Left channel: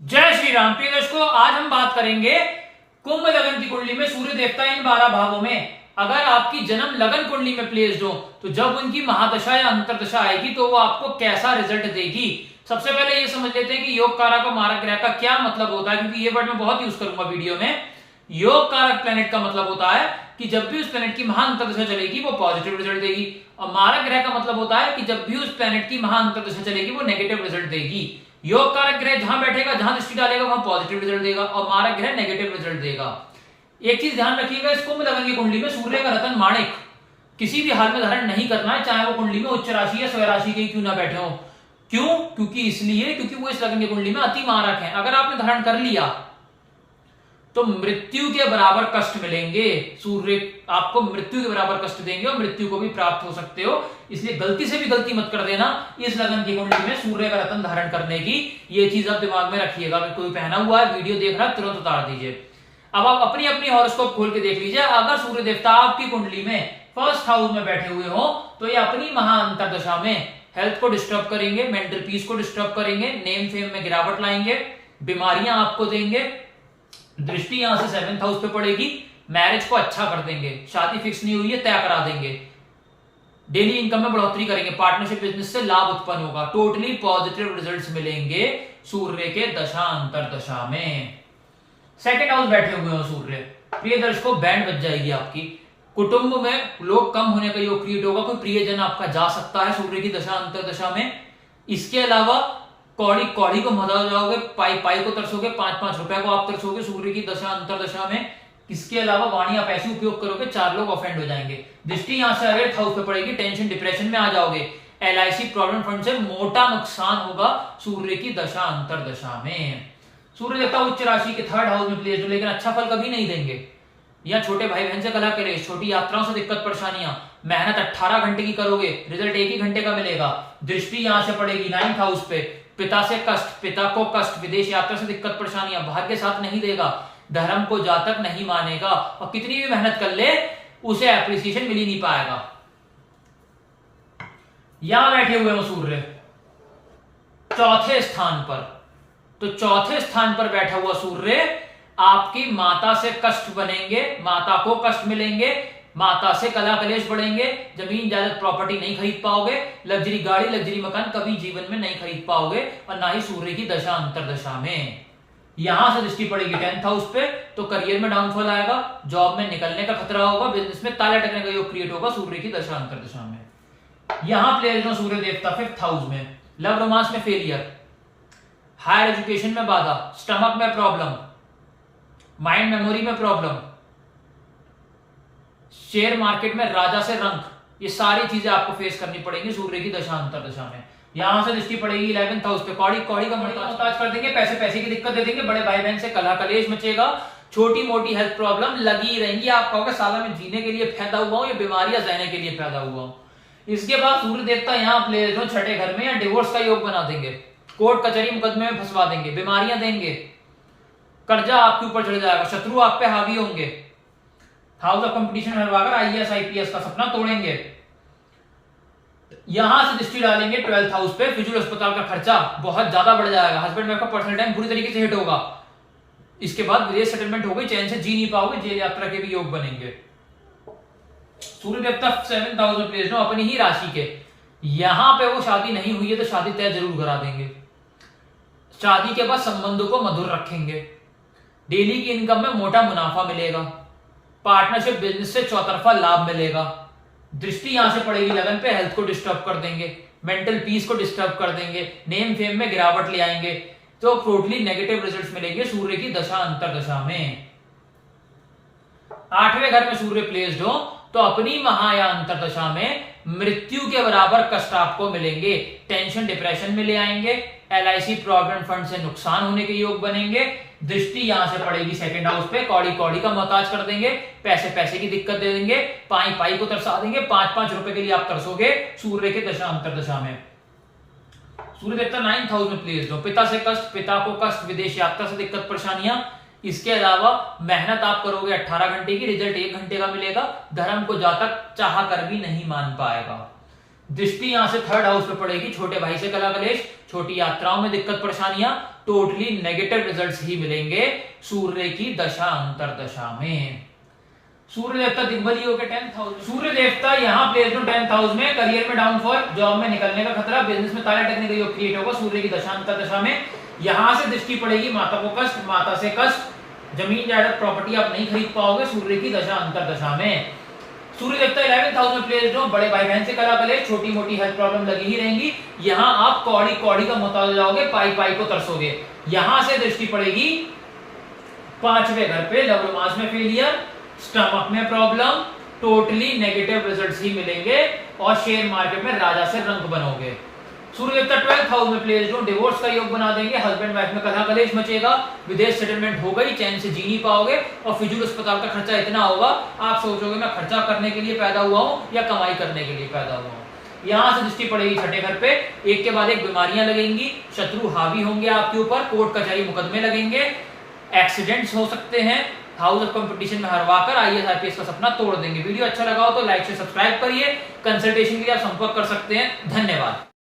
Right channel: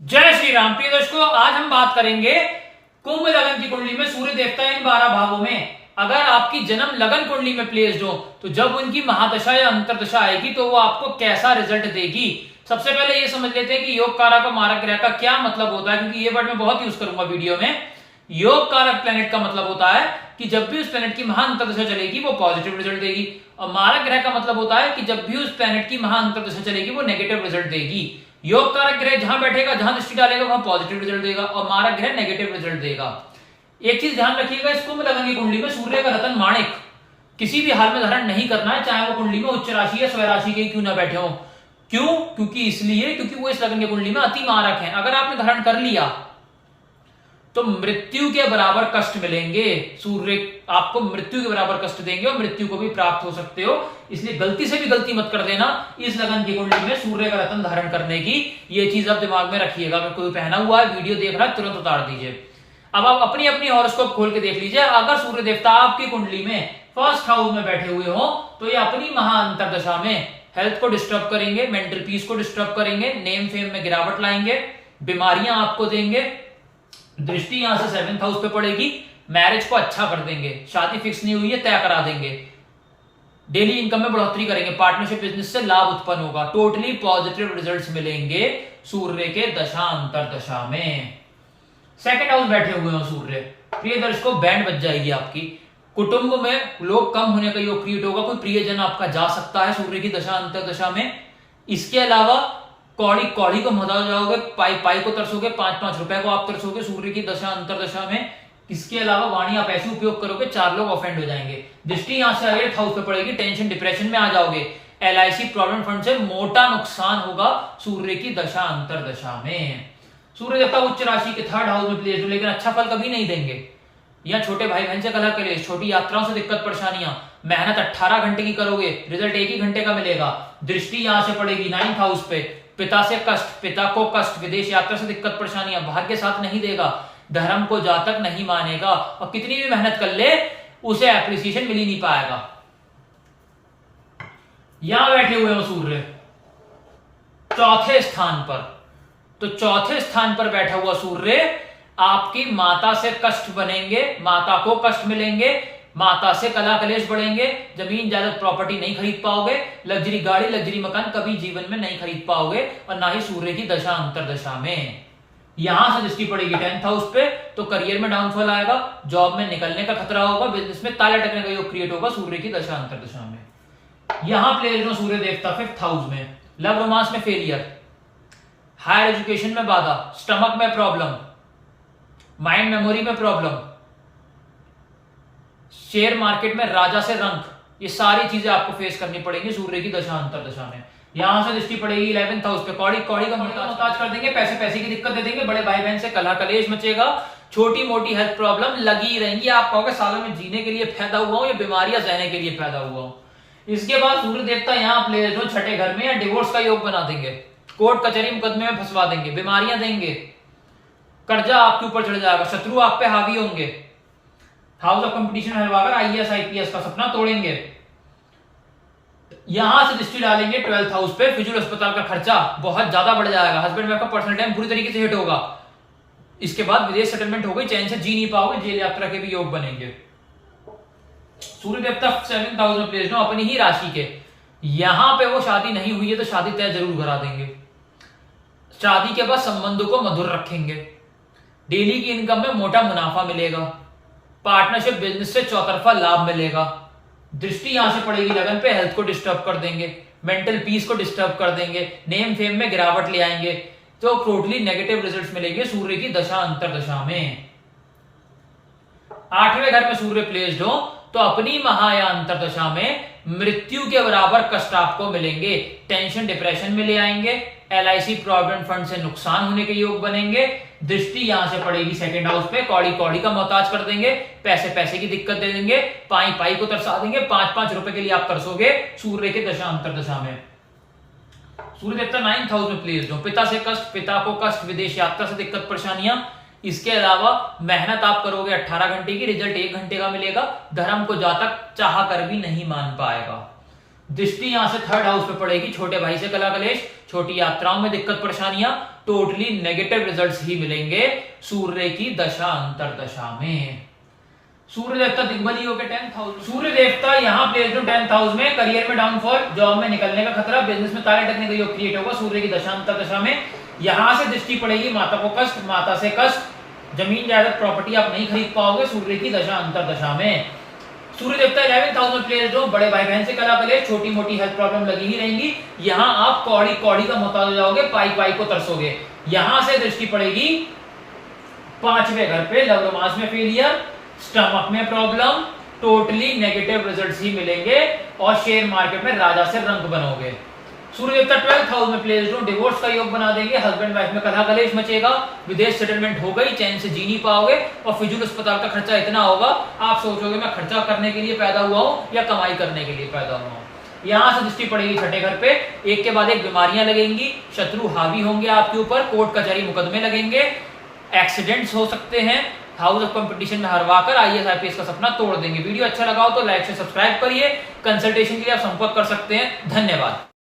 जय श्री राम। प्रिय दर्शकों, आज हम बात करेंगे कुंभ लगन की कुंडली में सूर्य देवता इन 12 भावों में अगर आपकी जन्म लगन कुंडली में प्लेस्ड हो तो जब उनकी महादशा या अंतरदशा आएगी तो वो आपको कैसा रिजल्ट देगी। सबसे पहले ये समझ लेते हैं कि योग कारक और मारक ग्रह का क्या मतलब होता है, क्योंकि ये वर्ड मैं बहुत यूज करूंगा वीडियो में। योग कारक प्लेनेट का मतलब होता है कि जब भी उस प्लेनेट की महाअंतरदशा चलेगी वो पॉजिटिव रिजल्ट देगी, और मारक ग्रह का मतलब होता है कि जब भी उस प्लेनेट की महाअंतरदशा चलेगी वो नेगेटिव रिजल्ट देगी। योग कारक ग्रह जहां बैठेगा, जहां दृष्टि डालेगा वहां पॉजिटिव रिजल्ट देगा, और मारक ग्रह नेगेटिव रिजल्ट देगा। एक चीज ध्यान रखिएगा, इस कुंभ लगन की कुंडली में सूर्य का रतन माणिक किसी भी हाल में धारण नहीं करना है, चाहे वो कुंडली में उच्च राशि या स्वय राशि के क्यों ना बैठे हो। क्यों? क्योंकि वो इस लगन की कुंडली में अति मारक है। अगर आपने धारण कर लिया तो मृत्यु के बराबर कष्ट मिलेंगे। सूर्य आपको मृत्यु के बराबर कष्ट देंगे और मृत्यु को भी प्राप्त हो सकते हो। इसलिए गलती से भी गलती मत कर देना इस लगन की कुंडली में सूर्य का रतन धारण करने की। ये चीज आप दिमाग में रखिएगा। अगर कोई पहना हुआ है, वीडियो देख रहा है, तुरंत उतार दीजिए। अब आप अपनी अपनी हॉरोस्कोप खोल के देख लीजिए। अगर सूर्य देवता आपकी कुंडली में फर्स्ट हाउस में बैठे हुए हो तो ये अपनी महाअंतरदशा में हेल्थ को डिस्टर्ब करेंगे, मेंटल पीस को डिस्टर्ब करेंगे, नेम फेम में गिरावट लाएंगे, बीमारियां आपको देंगे। दृष्टि यहां से 7th हाउस पे पड़ेगी, मैरिज को अच्छा कर देंगे, शादी फिक्स नहीं हुई है तय करा देंगे, डेली इनकम में बढ़ोतरी करेंगे, पार्टनरशिप बिजनेस से लाभ उत्पन्न होगा। टोटली पॉजिटिव रिजल्ट्स मिलेंगे सूर्य के दशा अंतरदशा में। सेकंड हाउस बैठे हुए हो सूर्य, प्रिय दर्शकों बैंड बज जाएगी आपकी। कुटुंब में लोग कम होने का योग क्रिएट होगा, कोई प्रियजन आपका जा सकता है सूर्य की दशा अंतरदशा में। इसके अलावा कौड़ी कौड़ी को मजा जाओगे, पाई पाई को तरसोगे, 5-5 रुपए को आप तरसोगे सूर्य की दशा अंतरदशा में। इसके अलावा वाणी आप ऐसे उपयोग करोगे 4 लोग ऑफेंड हो जाएंगे। दृष्टि यहां से 8th हाउस पे पड़ेगी, टेंशन डिप्रेशन में आ जाओगे, LIC प्रॉविडेंट फंड से मोटा नुकसान होगा सूर्य की दशा अंतरदशा में। सूर्य देवता उच्च राशि के 3rd हाउस में प्लेस हो, लेकिन अच्छा फल कभी नहीं देंगे। या छोटे भाई बहन से कलह करे, छोटी यात्राओं से दिक्कत परेशानियां, मेहनत 18 घंटे की करोगे, रिजल्ट 1 ही घंटे का मिलेगा। दृष्टि यहां से पड़ेगी 9th हाउस पे, पिता से कष्ट, पिता को कष्ट, विदेश यात्रा से दिक्कत परेशानियां, भाग्य साथ नहीं देगा, धर्म को जातक नहीं मानेगा, और कितनी भी मेहनत कर ले उसे एप्रिसिएशन मिल ही नहीं पाएगा। यहां बैठे हुए हो सूर्य 4थे स्थान पर, तो 4थे स्थान पर बैठा हुआ सूर्य आपकी माता से कष्ट बनेंगे, माता को कष्ट मिलेंगे, माता से कला कलेश बढ़ेंगे, जमीन जायदाद प्रॉपर्टी नहीं खरीद पाओगे, लग्जरी गाड़ी लग्जरी मकान कभी जीवन में नहीं खरीद पाओगे, और ना ही सूर्य की दशा अंतरदशा में। यहां से दृष्टि पड़ेगी 10th हाउस पे, तो करियर में डाउनफॉल आएगा, जॉब में निकलने का खतरा होगा, बिजनेस में ताले टकने का योग क्रिएट होगा सूर्य की दशा अंतरदशा में। यहां प्लेस हो सूर्य देवता 5th हाउस में, लव रोमांस में फेलियर, हायर एजुकेशन में बाधा, स्टमक में प्रॉब्लम, माइंड मेमोरी में प्रॉब्लम, शेयर मार्केट में राजा से रंक, ये सारी चीजें आपको फेस करनी पड़ेंगी सूर्य की दशा अंतरदशा में। यहां से दृष्टि पड़ेगी 11th हाउस पे, कौड़ी कौड़ी का मोहताज कर देंगे, पैसे की दिक्कत दे देंगे, बड़े भाई बहन से कलह कलेश मचेगा, छोटी मोटी हेल्थ प्रॉब्लम लगी रहेंगी। आप कहोगे साला में जीने के लिए पैदा हुआ हूं या बीमारियां सहने के लिए पैदा हुआ हूं। इसके बाद सूर्य देवता यहां प्लेस हो 6ठे घर में, या डिवोर्स का योग बना देंगे, कोर्ट कचहरी मुकदमे में फंसवा देंगे, बीमारियां देंगे, कर्जा आपके ऊपर चढ़ जाएगा, शत्रु आप पे हावी होंगे, हाउस ऑफ कंपटीशन हरवाकर IAS IPS का सपना तोड़ेंगे। यहां से दृष्टि डालेंगे 12th हाउस पे, फिजूल अस्पताल का खर्चा बहुत ज्यादा बढ़ जाएगा, हस्बैंड वाइफ का पर्सनल टाइम पूरी तरीके से हिट होगा। इसके बाद विदेश सेटलमेंट हो गई, चैन से जी नहीं पाओगे, जेल यात्रा के भी योग बनेंगे। सूर्य देवता 7th हाउस में प्लेस हो अपनी ही राशि के, यहां पे वो शादी नहीं हुई है तो शादी तय जरूर करा देंगे, शादी के बाद संबंधों को मधुर रखेंगे, डेली की इनकम में मोटा मुनाफा मिलेगा, पार्टनरशिप बिजनेस से चौतरफा लाभ मिलेगा। दृष्टि यहां से पड़ेगी लगन पे, हेल्थ को डिस्टर्ब कर देंगे, मेंटल पीस को डिस्टर्ब कर देंगे, नेम फेम में गिरावट ले आएंगे, तो टोटली नेगेटिव रिजल्ट्स मिलेंगे सूर्य की दशा अंतरदशा में। 8वें घर में सूर्य प्लेस्ड हो तो अपनी महा या अंतरदशा में मृत्यु के बराबर कष्ट आपको मिलेंगे, टेंशन डिप्रेशन में ले आएंगे, LIC प्रॉविडेंट फंड से नुकसान होने के योग बनेंगे। दृष्टि यहां से पड़ेगी 2nd हाउस पे, कौड़ी कौड़ी का मोहताज कर देंगे, पैसे की दिक्कत दे देंगे, पाई पाई को तरसा देंगे, 5-5 रुपए के लिए आप तरसोगे सूर्य के दशा अंतरदशा में। सूर्य देवता 9th हाउस में प्लेस्ड हो, पिता से कष्ट, पिता को कष्ट, विदेश यात्रा से दिक्कत परेशानियां। इसके अलावा मेहनत आप करोगे 18 घंटे की, रिजल्ट 1 घंटे का मिलेगा, धर्म को जातक चाह कर भी नहीं मान पाएगा। दृष्टि यहां से थर्ड हाउस पे पड़ेगी, छोटे भाई से कला कलेश, छोटी यात्राओं में दिक्कत परेशानियां, टोटली नेगेटिव रिजल्ट्स ही मिलेंगे सूर्य की दशा अंतरदशा में। सूर्य देवता दिग्बली हो गए 10th हाउस। सूर्य देवता यहाँ प्लेस्ड हो 10th हाउस में, करियर में डाउनफॉल, जॉब में निकलने का खतरा, बिजनेस में ताले टकने का योग क्रिएट होगा सूर्य की दशा अंतरदशा में। यहां से दृष्टि पड़ेगी, माता को कष्ट, माता से कष्ट, जमीन जायदाद प्रॉपर्टी आप नहीं खरीद पाओगे सूर्य की दशा अंतरदशा में। सूर्य देवता 11th हाउस में प्लेस्ड हो, बड़े भाई बहन से कला कलेश, छोटी मोटी हेल्थ प्रॉब्लम लगी ही रहेंगी। यहाँ आप कौड़ी कौड़ी का मोहताज हो जाओगे, पाई पाई को तरसोगे। यहां से दृष्टि पड़ेगी 5वें घर पे, लव रोमांस में फेलियर, स्टमक में प्रॉब्लम, टोटली नेगेटिव रिजल्ट्स ही मिलेंगे और शेयर मार्केट में राजा से रंग बनोगे। सूर्य देवता 12th हाउस में प्लेस्ड हो, डिवोर्स का योग बना देंगे, हस्बैंड वाइफ में कलह कलेश मचेगा, विदेश सेटलमेंट हो गई, चैन से जी नहीं पाओगे और फिजूल अस्पताल का खर्चा इतना होगा आप सोचोगे मैं खर्चा करने के लिए पैदा हुआ हूं या कमाई करने के लिए पैदा हुआ हूं। यहां से दृष्टि पड़ेगी 6ठे घर पे, एक के बाद एक बीमारियां लगेंगी, शत्रु हावी होंगे आपके ऊपर, कोर्ट कचहरी मुकदमे लगेंगे, एक्सीडेंट्स हो सकते हैं, हाउस ऑफ कंपटीशन में हरवाकर आईएएस आईपीएस का सपना तोड़ देंगे। वीडियो अच्छा लगा हो तो लाइक से सब्सक्राइब करिए, कंसल्टेशन के लिए आप संपर्क कर सकते हैं। धन्यवाद।